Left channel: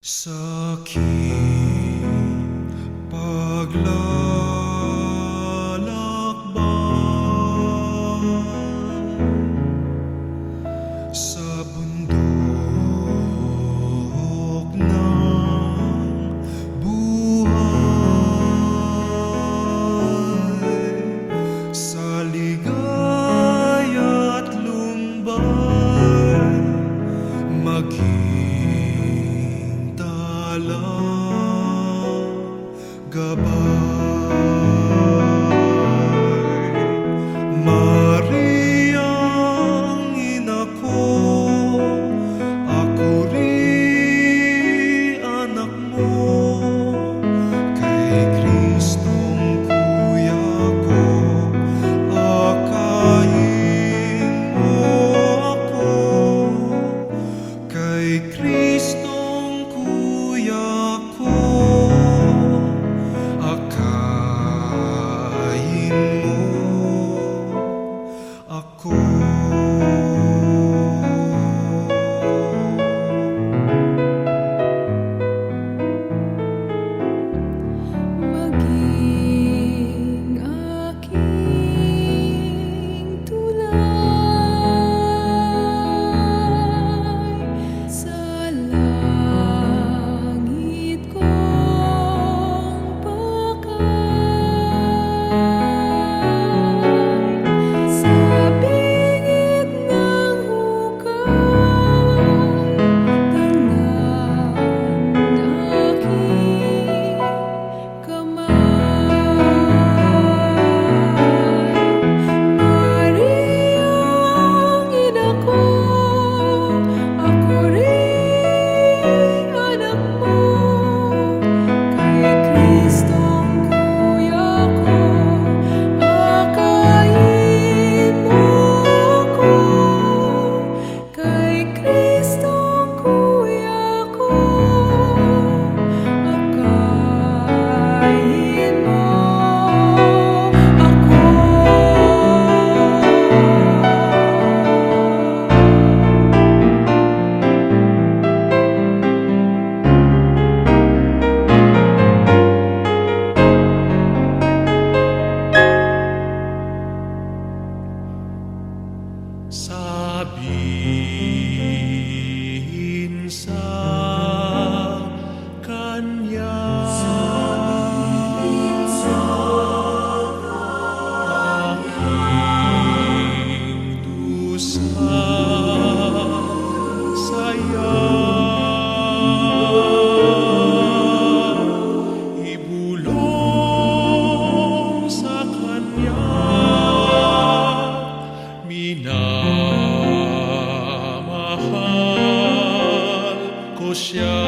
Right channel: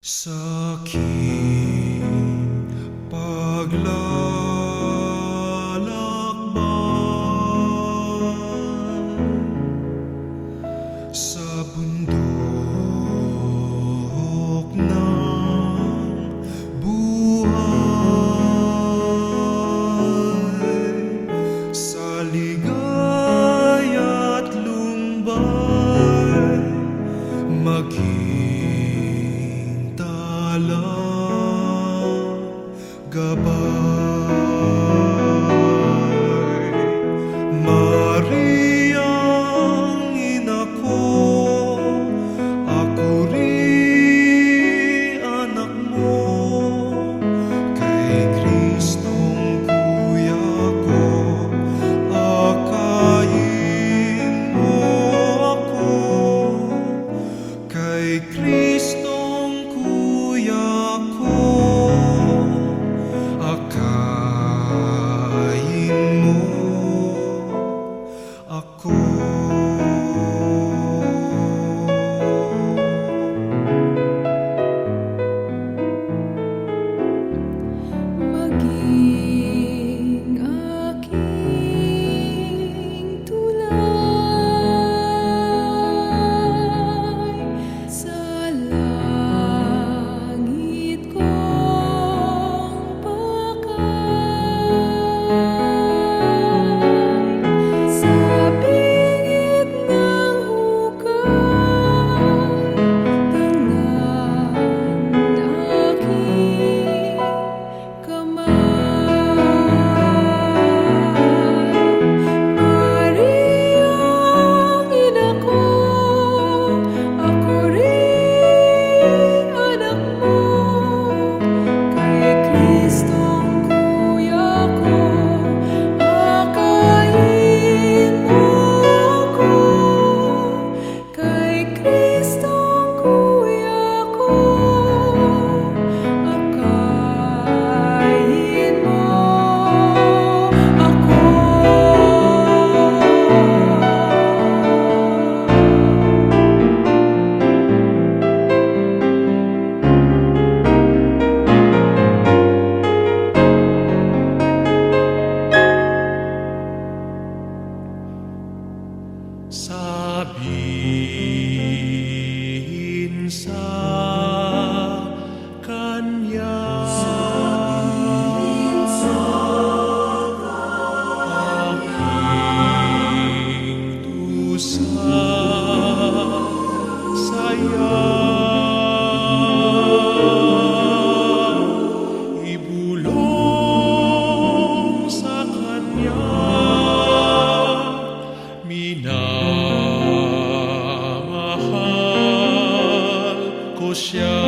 Sa aking paglalakbay sa bundok ng buhay, sa ligaya't lumbay, maging talang gabay. Mariang ina ko, ako rin anak mo, kay Kristong kuya ko, akayin mo ako, kay Kristong kuya ko, akayin mo ako. Maging aking tulay sa langit kong pakay, sa bingit ng hukay, tingnan aking kamay. Mariang ina ko, ako rin anak mo, kay Kristong kuya ko, akayin mo ako, kay Kristong kuya ko, akayin mo ako. Sabihin sa kanya, aking dusa, saya, ibulong sa kanya, minamahal ko siya.